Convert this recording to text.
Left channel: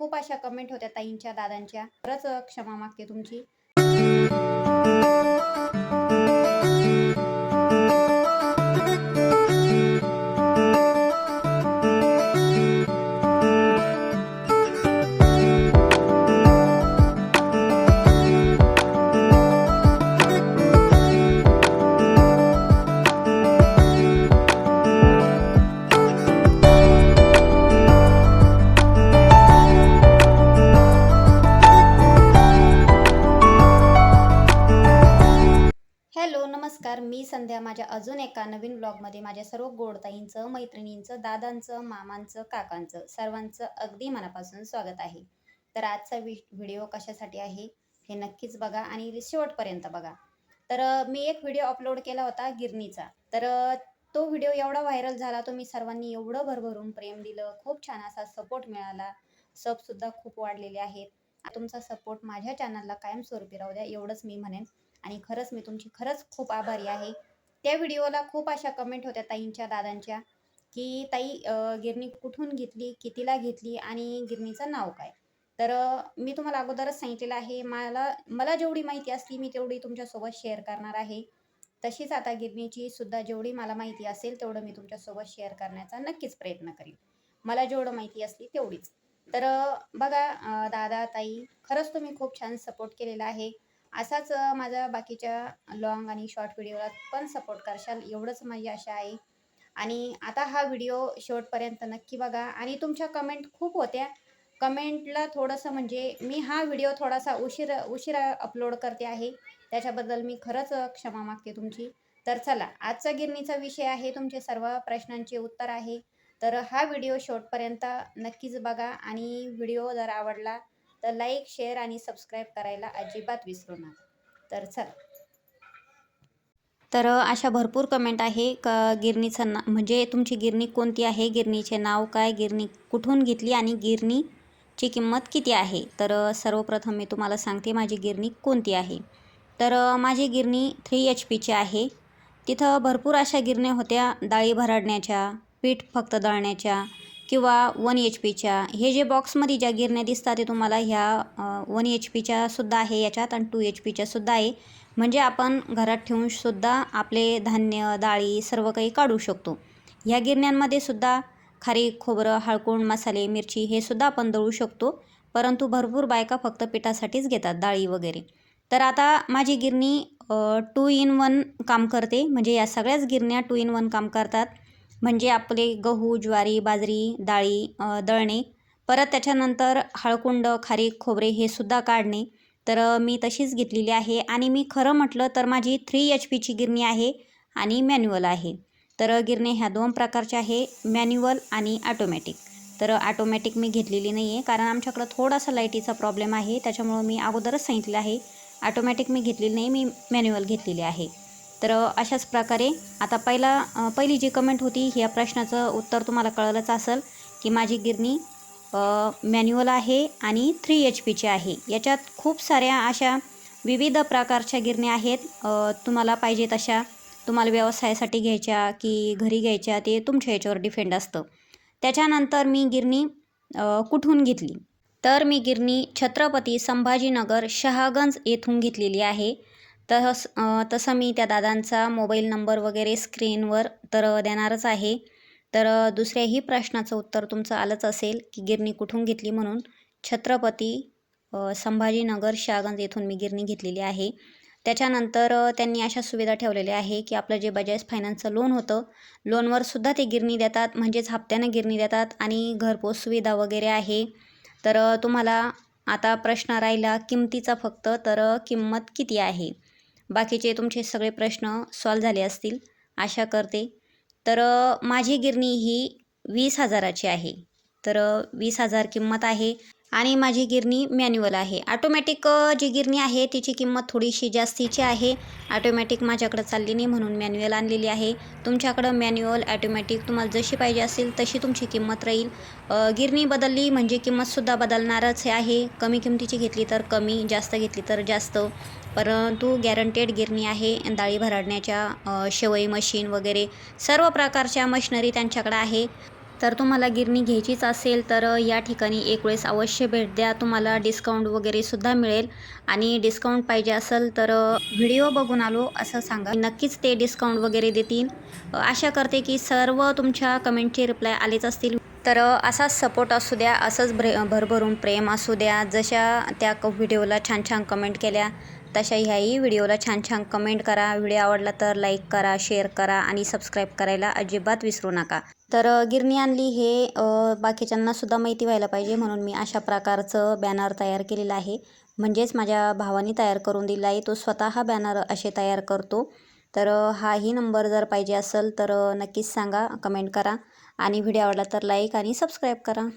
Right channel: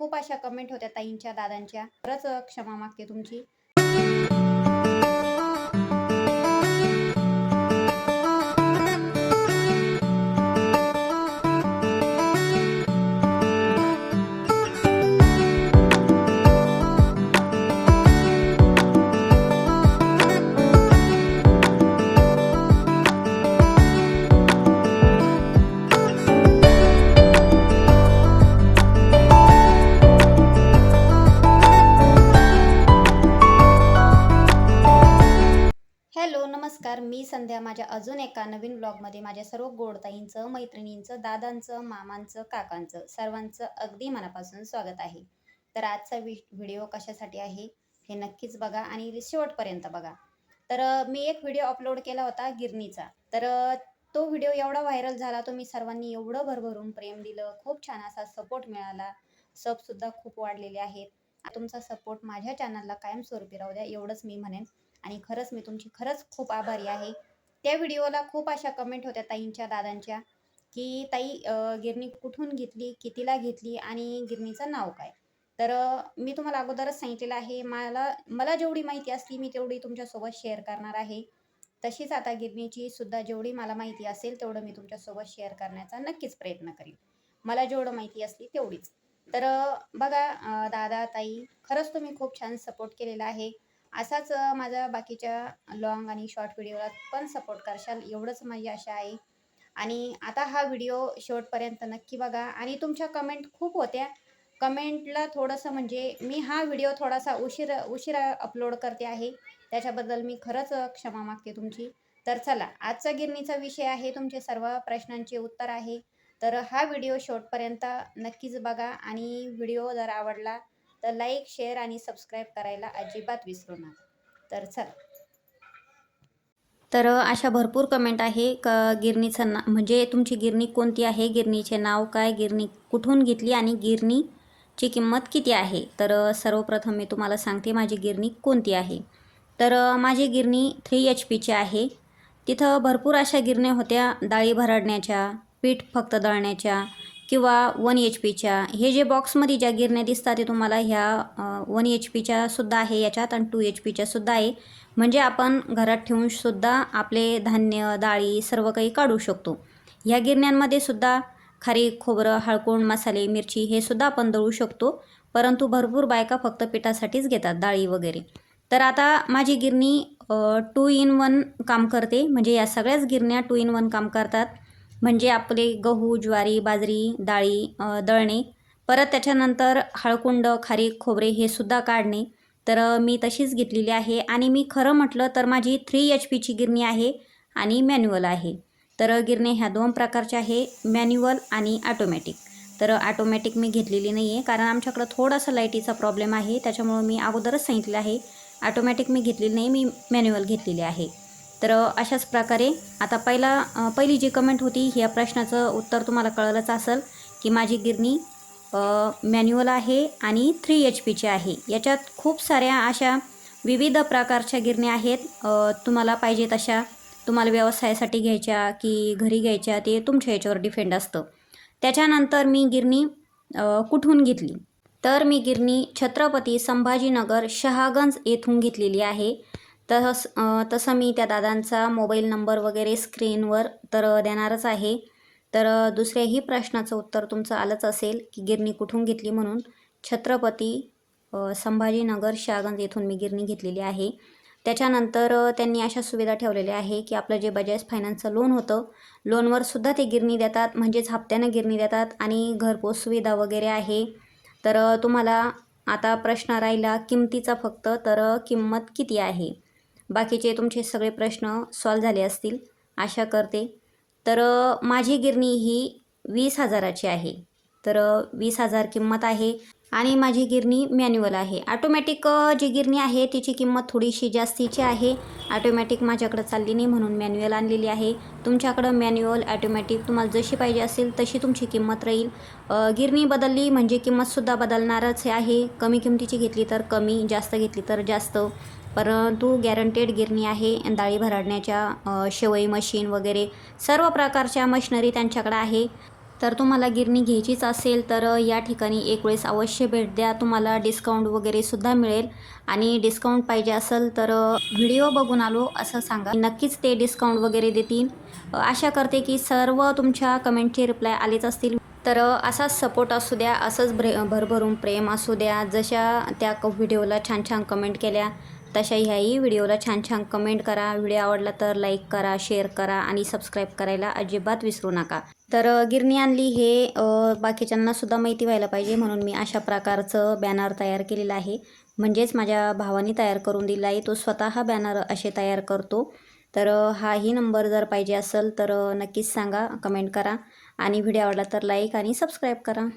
खूप अशा कमेंट होत्या ताईंच्या दादांच्या. खरंच क्षमा मागते तुमची. मी संध्या माझ्या अजून एका नवीन ब्लॉगमध्ये माझ्या सर्व गोडताईंचं मैत्रिणींचं दादांचं मामांचं काकांचं सर्वांचं अगदी मनापासून स्वागत आहे. तर आजचा वि व्हिडिओ कशासाठी आहे हे नक्कीच बघा आणि शेवटपर्यंत बघा. तर मी एक व्हिडिओ अपलोड केला होता गिरणीचा. तर तो व्हिडिओ एवढा व्हायरल झाला तुम्ही सर्वांनी एवढं भरभरून प्रेम दिलं खूप छान असा सपोर्ट मिळाला. सबसुद्धा खूप वाढलेले आहेत. तुमचा सपोर्ट माझ्या चॅनलला कायमस्वरूपी राहू द्या एवढंच मी म्हणेन. आणि खरंच मी तुमची खरंच खूप आभारी आहे. त्या व्हिडिओला खूप अशा कमेंट होत्या ताईंच्या दादांच्या की ताई गिरणी कुठून घेतली कितीला घेतली आणि गिरणीचं नाव काय? तर मी तुम्हाला अगोदरच सांगितलेलं आहे मला मला जेवढी माहिती असली मी तेवढी तुमच्यासोबत शेअर करणार आहे. तशीच आता गिरणीची सुद्धा जेवढी मला माहिती असेल तेवढं मी तुमच्यासोबत शेअर करण्याचा नक्कीच प्रयत्न करेन. मला जेवढं माहिती असली तेवढीच. तर बघा दादा ताई खरंच तुम्ही खूप छान सपोर्ट केलेला आहे. असाच माझा बाकीच्या लॉंग आणि शॉर्ट व्हिडिओला पण सपोर्ट करशाल एवढंच माझी आशा आहे. आणि आता हा व्हिडिओ शेवटपर्यंत नक्की बघा. आणि तुमच्या कमेंट खूप होत्या. कमेंटला थोडंसं म्हणजे मी हा व्हिडिओ थोडासा उशीर उशिरा अपलोड करते आहे. त्याच्याबद्दल मी खरंच क्षमा मागते तुमची. तर चला आजचा गिरणीचा विषय आहे तुमचे सर्व प्रश्नांचे उत्तर आहे. तर हा व्हिडिओ शेवटपर्यंत नक्कीच बघा. आणि व्हिडिओ जर आवडला तर लाईक शेअर आणि सबस्क्राईब करायला अजिबात विसरू नका. तर चला. तर अशा भरपूर कमेंट आहे. क गिरणीचं ना म्हणजे तुमची गिरणी कोणती आहे? गिरणीचे नाव काय? गिरणी कुठून घेतली आणि गिरणीची किंमत किती आहे? तर सर्वप्रथम मी तुम्हाला सांगते माझी गिरणी कोणती आहे. तर माझी गिरणी थ्री एच पीची आहे. तिथं भरपूर अशा गिरण्या होत्या. डाळी भरडण्याच्या पीठ फक्त दळण्याच्या किंवा वन एच पीच्या हे जे बॉक्समध्ये ज्या गिरण्या दिसतात ते तुम्हाला ह्या वन एच पीच्या सुद्धा आहे याच्यात आणि टू एच पीच्या सुद्धा आहे. म्हणजे आपण घरात ठेवून सुद्धा आपले धान्य डाळी सर्व काही काढू शकतो. ह्या गिरण्यांमध्ये सुद्धा खारी खोबरं हळकोण मसाले मिरची हे सुद्धा आपण दळू शकतो. परंतु भरपूर बायका फक्त पिठासाठीच घेतात डाळी वगैरे. तर आता माझी गिरणी टू इन वन काम करते. म्हणजे या सगळ्याच गिरण्या टू इन वन काम करतात. म्हणजे आपले गहू ज्वारी बाजरी डाळी दळणे परत त्याच्यानंतर हळकुंड खारीक खोबरे हे सुद्धा काढणे. तर मी तशीच घेतलेली आहे आणि मी खरं म्हटलं तर माझी थ्री एच पीची गिरणी आहे आणि मॅन्युअल आहे. तर गिरणी ह्या दोन प्रकारच्या आहे मॅन्युअल आणि ॲटोमॅटिक तर ऑटोमॅटिक मी घेतलेली नाही आहे कारण आमच्याकडं थोडासा लाईटीचा प्रॉब्लेम आहे त्याच्यामुळं मी अगोदरच सांगितलं आहे. ऑटोमॅटिक मी घेतलेली नाही मी मॅन्युअल घेतलेली आहे. तर अशाच प्रकारे आता पहिला पहिली जी कमेंट होती ह्या प्रश्नाचं उत्तर तुम्हाला कळलंच असेल की माझी गिरणी मॅन्युअल आहे आणि थ्री एच पीची आहे. याच्यात खूप साऱ्या अशा विविध प्रकारच्या गिरण्या आहेत. तुम्हाला पाहिजे तशा तुम्हाला व्यवसायासाठी घ्यायच्या की घरी घ्यायच्या ते तुमच्या याच्यावर डिपेंड असतं. त्याच्यानंतर मी गिरणी कुठून घेतली? तर मी गिरणी छत्रपती संभाजीनगर शहागंज येथून घेतलेली आहे. तस तसं मी त्या दादांचा मोबाईल नंबर वगैरे स्क्रीनवर तर देणारच आहे. तर दुसऱ्याही प्रश्नाचं उत्तर तुमचं आलंच असेल की गिरणी कुठून घेतली म्हणून. छत्रपती संभाजीनगर शहागंज येथून मी गिरणी घेतलेली आहे. त्याच्यानंतर त्यांनी अशा सुविधा ठेवलेल्या आहे की आपलं जे बजाज फायनान्सचं लोन होतं लोनवर सुद्धा ते गिरणी देतात म्हणजेच हप्त्यानं गिरणी देतात आणि घरपोच सुविधा वगैरे आहे. तर तुम्हाला आता प्रश्न राहिला किमतीचा फक्त तर किंमत किती आहे? बाकीचे तुमचे सगळे प्रश्न सॉल्व झाले असतील. आशा करते. तर माझी गिरणी ही वीस हजाराची आहे. तर वीस हजार किंमत आहे. आणि माझी गिरणी मॅन्युअल आहे. ऑटोमॅटिक जी गिरणी आहे तिची किंमत थोडीशी जास्तीची आहे. ऑटोमॅटिक माझ्याकडं चालली नाही म्हणून मॅन्युअल आणलेली आहे. तुमच्याकडं मॅन्युअल ऑटोमॅटिक तुम्हाला जशी पाहिजे असेल तशी तुमची किंमत राहील. गिरणी बदलली म्हणजे किंमतसुद्धा बदलणारच आहे. कमी किमतीची घेतली तर कमी जास्त घेतली तर जास्त. परंतु गॅरंटेड गिरणी आहे. डाळी भरडण्याच्या शेवई मशीन वगैरे सर्व प्रकारच्या मशिनरी त्यांच्याकडे आहे. तर तुम्हाला गिरणी घ्यायचीच असेल तर या ठिकाणी एक वेळेस अवश्य भेट द्या. तुम्हाला डिस्काउंट वगैरे सुद्धा मिळेल. आणि डिस्काउंट पाहिजे असेल तर व्हिडिओ बघून आलो असं सांगा. नक्कीच ते डिस्काउंट वगैरे देतील. आशा करते की सर्व तुमच्या कमेंटचे रिप्लाय आलेच असतील. तर असाच सपोर्ट असू द्या असंच भ्रे भरभरून प्रेम असू द्या. जशा त्या व्हिडिओला छान छान कमेंट केल्या तशा ह्याही व्हिडिओला छान छान कमेंट करा. व्हिडिओ आवडला तर लाईक करा शेअर करा आणि सबस्क्राईब करायला अजिबात विसरू नका. तर गिरणी आणली हे बाकीच्यांना सुद्धा माहिती व्हायला पाहिजे म्हणून मी अशा प्रकारचं बॅनर तयार केलेलं आहे. म्हणजेच माझ्या भावाने तयार करून दिला आहे. तो स्वतः बॅनर असे तयार करतो. तर हाही नंबर जर पाहिजे असेल तर नक्कीच सांगा कमेंट करा आणि व्हिडिओ आवडला तर लाईक आणि सबस्क्राईब करा.